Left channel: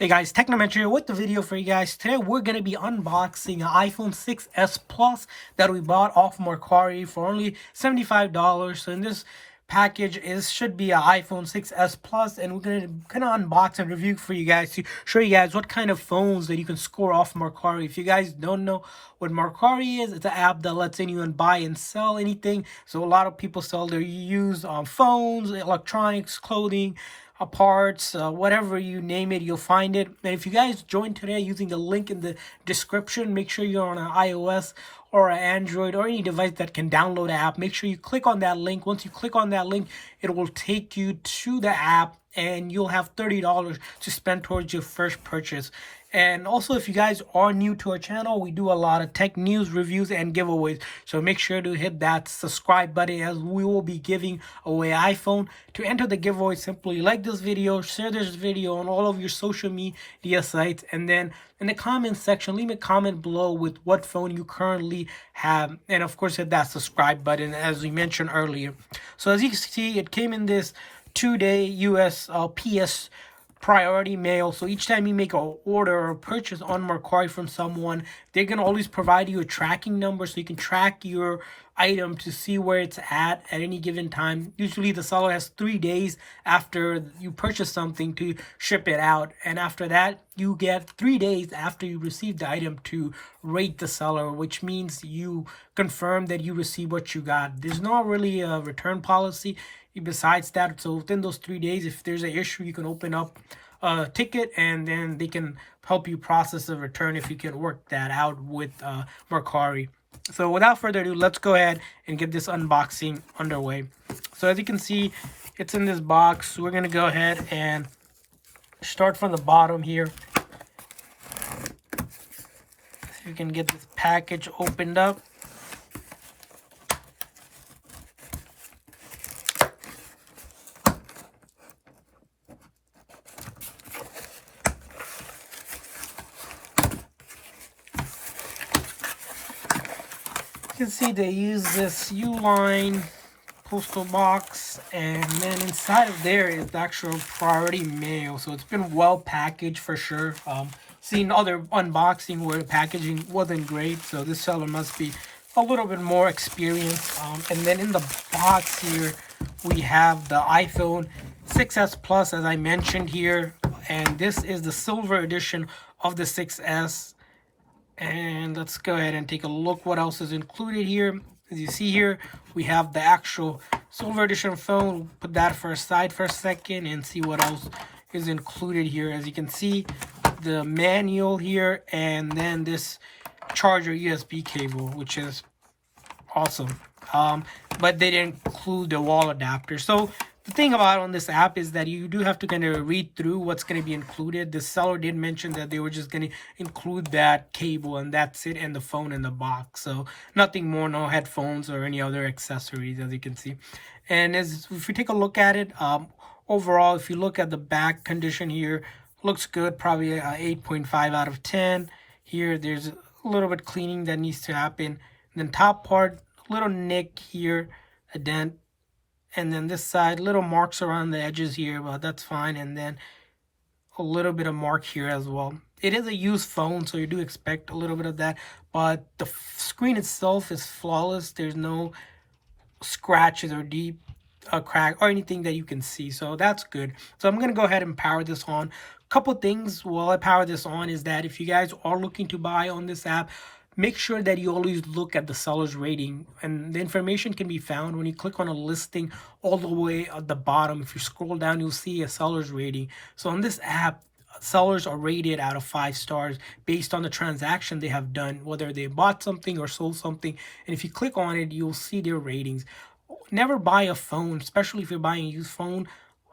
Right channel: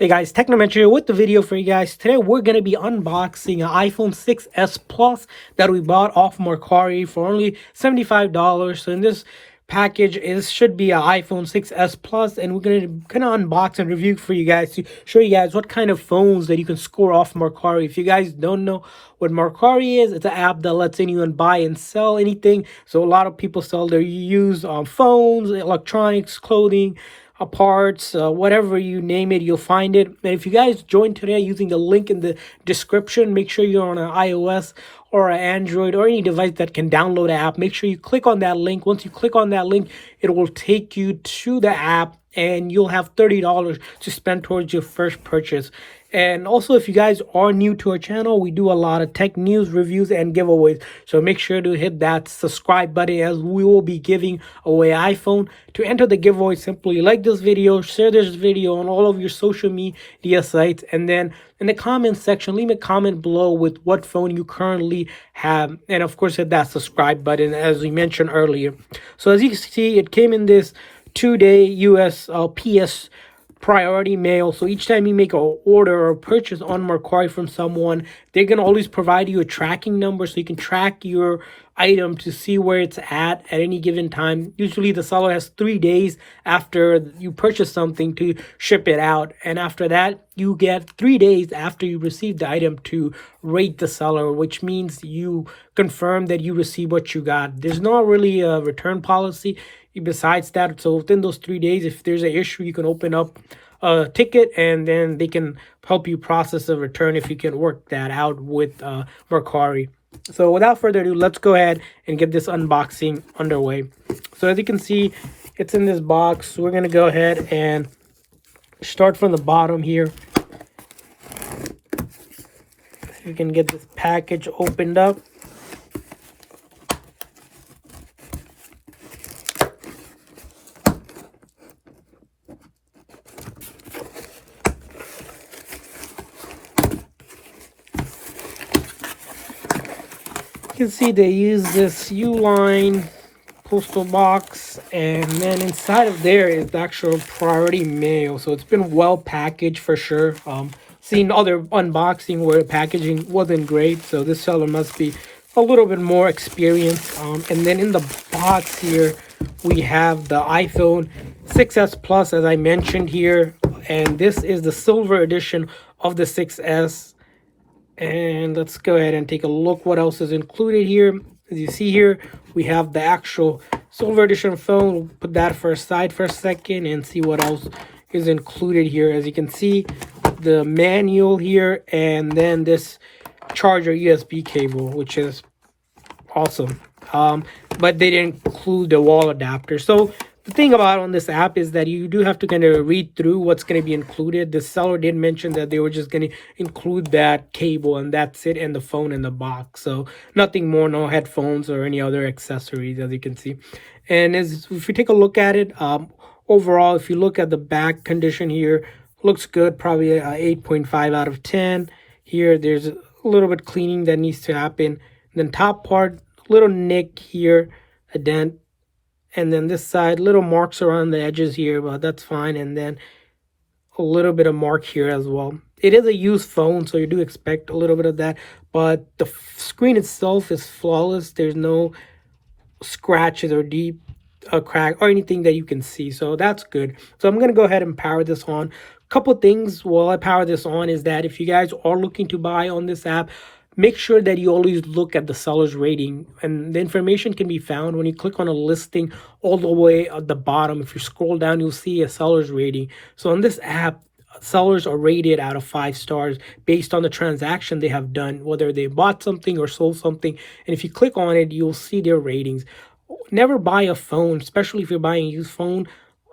Hey guys, Technomentary here with the video for you guys. Today we're going to be unboxing an iPhone 6s Plus that we bought off Mercari for only $75. So in this package should be an iPhone 6s Plus, and we're going to kind of unbox and review for you guys to show you guys what kind of phones that you can score off Mercari. If you guys don't know what Mercari is, it's an app that lets anyone buy and sell anything. So a lot of people sell their used phones, electronics, clothing, parts, whatever you name it, you'll find it. And if you guys join today using the link in the description, make sure you're on an iOS or an Android or any device that can download the app. Make sure you click on that link. Once you click on that link, it will take you to the app and you'll have $30 to spend towards your first purchase. And also, if you guys are new to our channel, we do a lot of tech news, reviews, and giveaways. So make sure to hit that subscribe button, as we will be giving away iPhone. To enter the giveaway, simply like this video, share this video on all of your social media sites, and then in the comments section, leave a comment below with what phone you currently have. And of course, hit that subscribe button, as we mentioned earlier. So as you can see, it came in this 2-day US PS priority mail. So each time you make an order or a purchase on Mercari from someone, they're going to always provide you a tracking number so you can track your item to see where it's at any given time. Usually the seller has 3 days after you purchase something to ship it out, and after that you get 3 days after you receive the item to rate the seller, which means you confirm that you received what you got. There's not really a return policy besides that. So within those 3 days, if there's an issue, you can open up a ticket and then they can help you process a return if you can work that out with Mercari. So without further ado, let's go ahead and get this unboxing underway. So as you can see, it's in this box. We're going to go ahead and start from the bottom here. So you can get this package opened up. You can see they use this U-line postal box, and then inside of there is the actual priority mail. So it's been well packaged for sure. Seen other unboxing where the packaging wasn't great, so this seller must be a little bit more experienced. And then in the box here we have the iPhone 6s Plus, as I mentioned here, and this is the silver edition of the 6s. And let's go ahead and take a look what else is included here. As you see here, we have the actual silver edition phone. We'll put that for aside for a second and see what else is included here. As you can see, the manual here, and then this charger USB cable, which is awesome. But they didn't include the wall adapter. So the thing about on this app is that you do have to kind of read through what's going to be included. The seller did mention that they were just going to include that cable and that's it, and the phone in the box. So nothing more, no headphones or any other accessories, as you can see. And if you take a look at it, overall, if you look at the back condition here, looks good, probably a 8.5 out of 10. Here, there's a little bit cleaning that needs to happen. And then top part, little nick here, a dent. And then this side, little marks around the edges here, but that's fine. And then a little bit of mark here as well. It is a used phone, so you do expect a little bit of that. But the screen itself is flawless. There's no scratches or deep crack or anything that you can see. So that's good. So I'm going to go ahead and power this on. Couple things while I power this on is that if you guys are looking to buy on this app, make sure that you always look at the seller's rating, and the information can be found when you click on a listing all the way at the bottom. If you scroll down, you'll see a seller's rating. So on this app, sellers are rated out of 5 stars based on the transaction they have done, whether they bought something or sold something. And if you click on it, you'll see their ratings. Never buy a phone, especially if you're buying a used phone,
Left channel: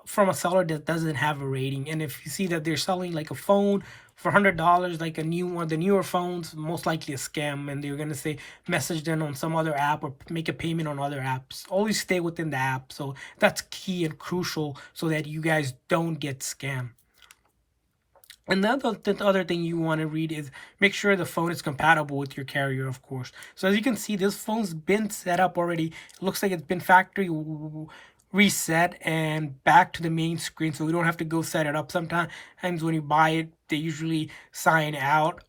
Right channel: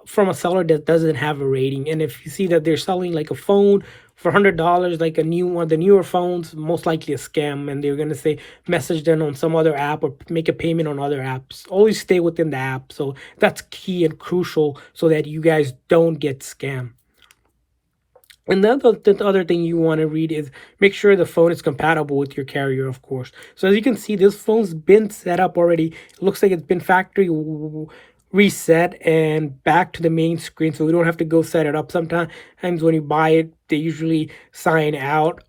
from a seller that doesn't have a rating. And if you see that they're selling like a phone for $100, like a new one, the newer phones, most likely a scam, and they're going to say message them on some other app or make a payment on other apps. Always stay within the app. So that's key and crucial so that you guys don't get scammed. And then the other thing you want to read is make sure the phone is compatible with your carrier, of course. So as you can see, this phone's been set up already. It looks like it's been factory reset and back to the main screen, so we don't have to go set it up. Sometimes when you buy it, they usually sign out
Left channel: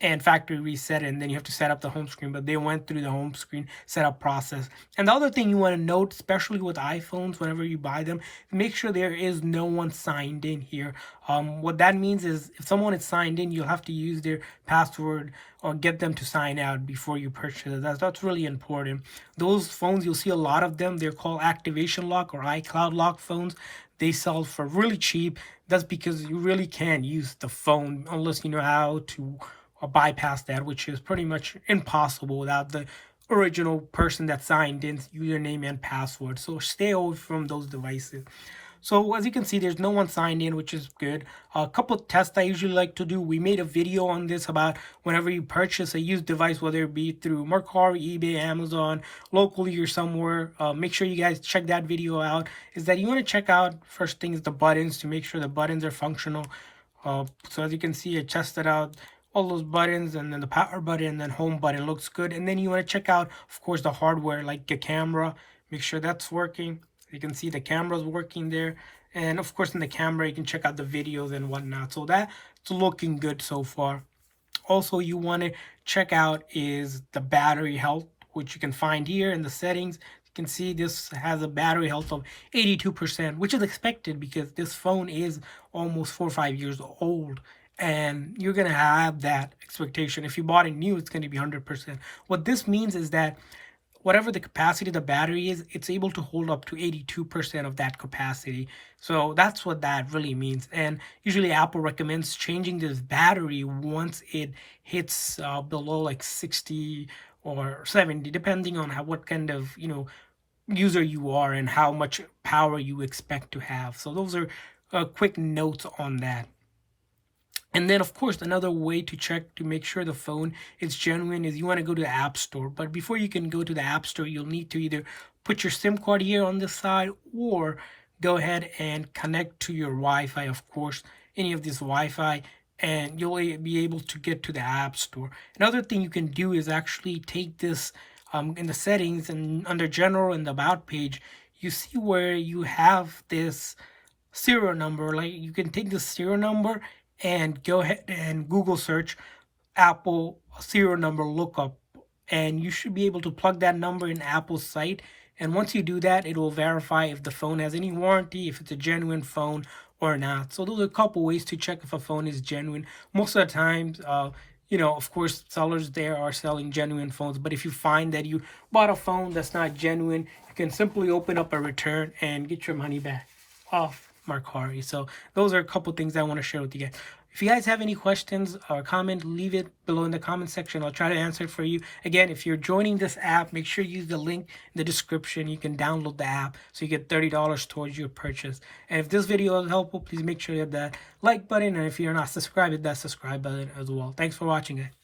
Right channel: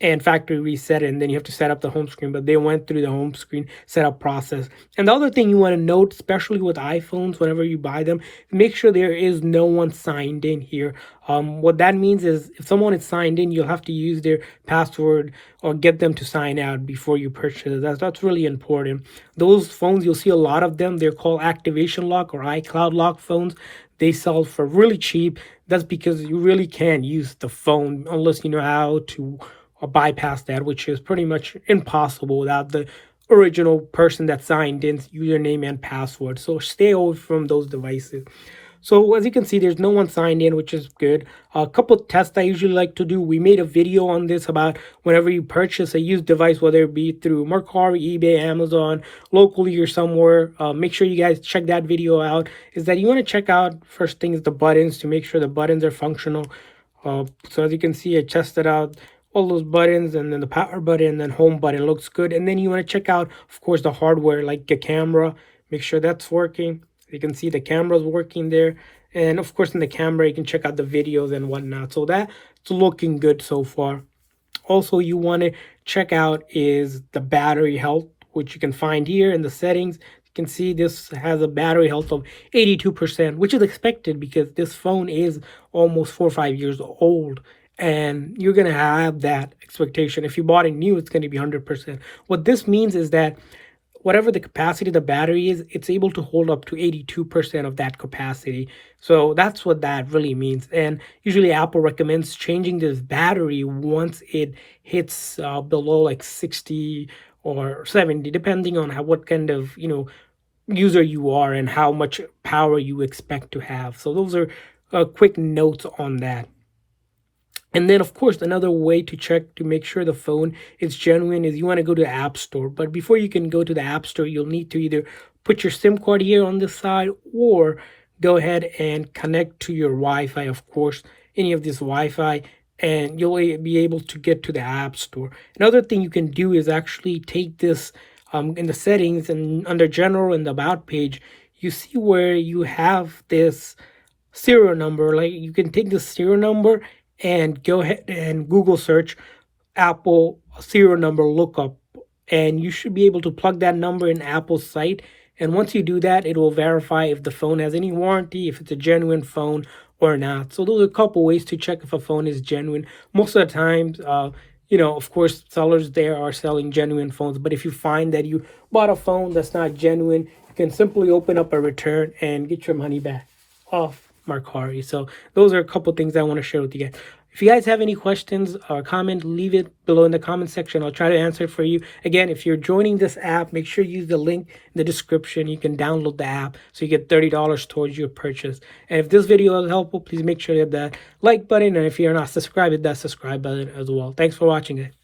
and factory reset it, and then you have to set up the home screen. But they went through the home screen setup process. And the other thing you want to note, especially with iPhones, whenever you buy them, make sure there is no one signed in here. What that means is if someone is signed in, you'll have to use their password or get them to sign out before you purchase it. That's really important. Those phones, you'll see a lot of them. They're called activation lock or iCloud lock phones. They sell for really cheap. That's because you really can't use the phone unless you know how to bypass that, which is pretty much impossible without the original person that signed in username and password. So stay away from those devices. So as you can see, there's no one signed in, which is good. A couple tests I usually like to do. We made a video on this about whenever you purchase a used device, whether it be through Mercari, eBay, Amazon, locally or somewhere. Make sure you guys check that video out. Is that you want to check out, first thing is the buttons, to make sure the buttons are functional. So as you can see, I tested out all those buttons, and then the power button and then home button looks good. And then you want to check out, of course, the hardware, like the camera. Make sure that's working. You can see the camera's working there. And of course, in the camera, you can check out the videos and whatnot. So that's looking good so far. Also, you want to check out is the battery health, which you can find here in the settings. You can see this has a battery health of 82%, which is expected because this phone is almost 4 or 5 years old. And you're going to have that expectation. If you bought it new, it's going to be 100%. What this means is that whatever the capacity of the battery is, it's able to hold up to 82% of that capacity. So that's what that really means. And usually Apple recommends changing this battery once it hits below like 60 or 70, depending on what kind of, user you are and how much power you expect to have. So those are quick notes on that. And then, of course, another way to check to make sure the phone is genuine is you want to go to the App Store. But before you can go to the App Store, you'll need to either put your SIM card here on this side or go ahead and connect to your Wi-Fi, of course, any of this Wi-Fi, and you'll be able to get to the App Store. Another thing you can do is actually take this in the settings and under General in the About page, you see where you have this serial number. Like you can take the serial number and go ahead and Google search Apple serial number lookup, and you should be able to plug that number in Apple's site. And once you do that, it will verify if the phone has any warranty, if it's a genuine phone or not. So those are a couple ways to check if a phone is genuine. Most of the times, of course, sellers there are selling genuine phones. But if you find that you bought a phone that's not genuine, you can simply open up a return and get your money back off Mercari. So those are a couple things I want to share with you guys. If you guys have any questions or comment, leave it below in the comment section. I'll try to answer it for you. Again, if you're joining this app, make sure you use the link in the description. You can download the app so you get $30 towards your purchase. And if this video was helpful, please make sure you hit that like button. And if you're not subscribed, hit that subscribe button as well. Thanks for watching, guys.